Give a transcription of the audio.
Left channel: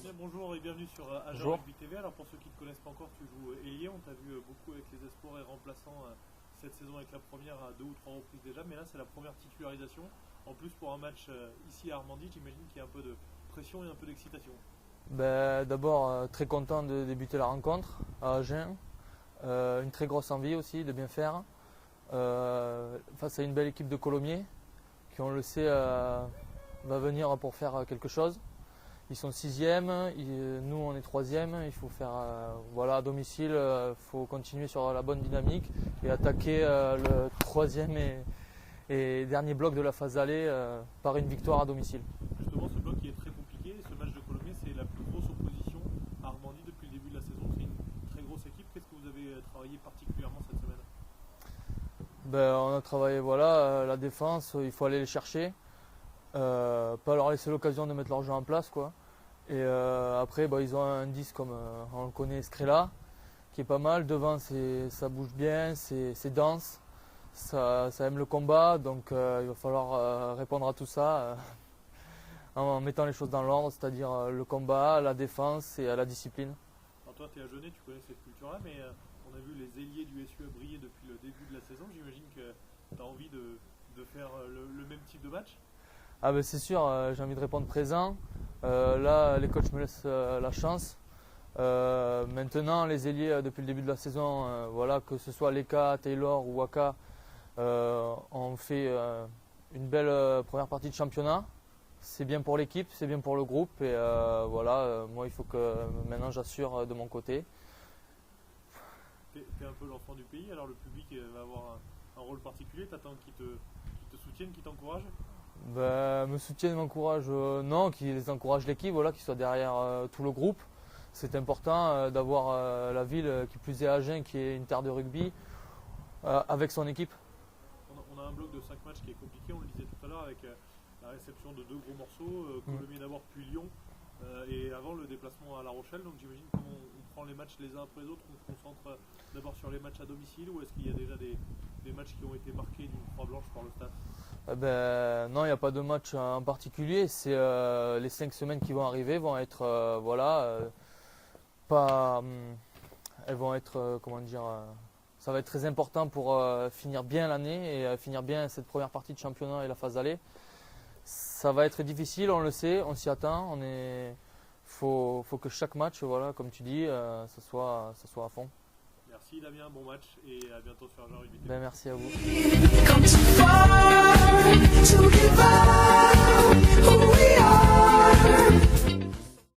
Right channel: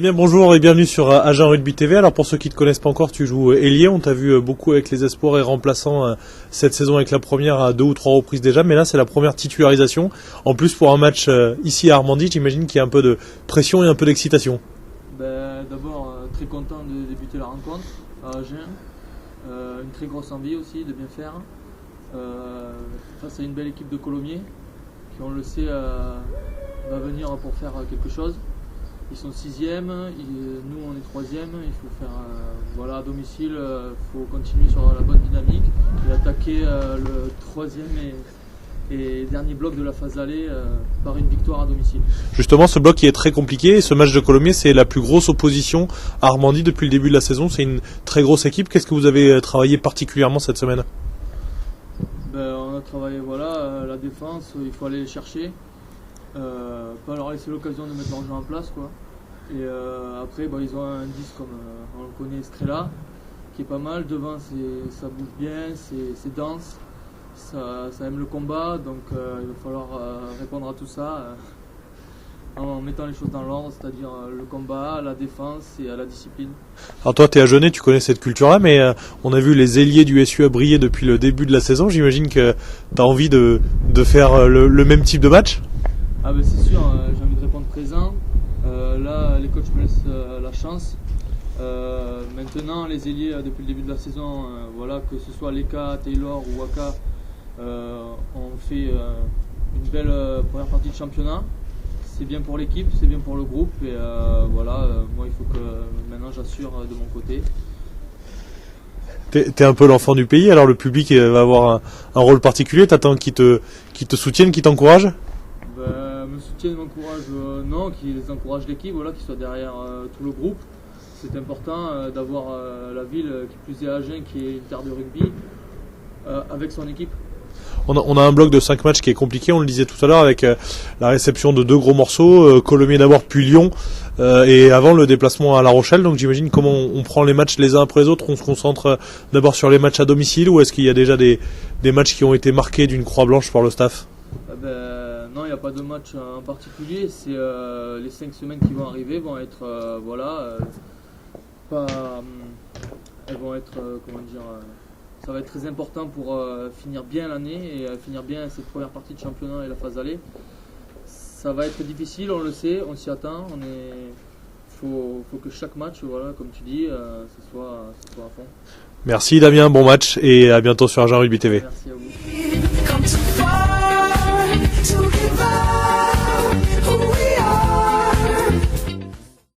Damien, bonjour et bienvenue sur Agen Rugby TV. Alors pour ceux qui ne te connaissent pas encore, tu joues ailier. On t'a vu beaucoup avec les espoirs et remplaçant cette saison avec la première à 2 ou 3 reprises déjà. Mais là, c'est la première titularisation. En plus, pour un match ici à Armandie, j'imagine qu'il y a un peu de pression et un peu d'excitation. D'abord, très content de débuter la rencontre à Agen. Une très grosse envie aussi de bien faire. Face à une belle équipe de Colomiers qui, on le sait, va venir pour faire quelque chose. Ils sont 6e, nous on est 3e, il faut faire à domicile, il faut continuer sur la bonne dynamique et attaquer le 3e et dernier bloc de la phase aller par une victoire à domicile. Justement, ce bloc qui est très compliqué, et ce match de Colomiers, c'est la plus grosse opposition à Armandie depuis le début de la saison. C'est une très grosse équipe. Qu'est-ce que vous avez travaillé particulièrement cette semaine ? On a travaillé la défense, il faut aller les chercher. Pas leur laisser l'occasion de mettre leur jeu en place, quoi. Et après ils ont un 10 comme on le connaît, Scrella, qui est pas mal. Devant ça bouge bien, c'est dense, ça aime le combat, donc il va falloir répondre à tout ça en mettant les choses dans l'ordre, c'est-à-dire le combat, la défense et la discipline. Alors toi, tu es agenais, tu connais cette culture-là, mais on a vu les ailiers du SUA briller depuis le début de la saison. J'imagine que tu as envie de faire le même type de match ? C'est sûr, j'ai envie de répondre présent. Là, les coachs me laissent la chance. Maintenant, les ailiers, depuis le début de la saison, que ce soit Leka, Taylor ou Waka, ont fait une belle première partie de championnat. C'est bien pour l'équipe, c'est bien pour le groupe. Et moi, il faut que maintenant j'assure de mon côté. T'es un peu l'enfant du pays, alors le public va avoir un rôle particulier. T'attends qu'ils te soutiennent, qu'ils t'encouragent ? Me soutiennent, m'encouragent, non, qu'ils encouragent l'équipe, qu'ils soient derrière tout le groupe. C'est important d'avoir la ville, qui plus est Agen, qui est une terre de rugby, avec son équipe. On a un bloc de 5 matchs qui est compliqué, on le disait tout à l'heure, avec la réception de 2 gros morceaux, Colomiers d'abord, puis Lyon, et avant le déplacement à La Rochelle. Donc j'imagine comment on prend les matchs les uns après les autres. On se concentre d'abord sur les matchs à domicile, ou est-ce qu'il y a déjà des matchs qui ont été marqués d'une croix blanche par le staff ? Non, il n'y a pas de match en particulier. C'est les 5 semaines qui vont arriver vont être elles vont être ça va être très important pour finir bien l'année et finir bien cette première partie de championnat et la phase aller. Ça va être difficile, on le sait, on s'y attend. Faut que chaque match, comme tu dis, ce soit à fond. Merci Damien, bon match et à bientôt sur Agen Rugby TV. Merci à vous.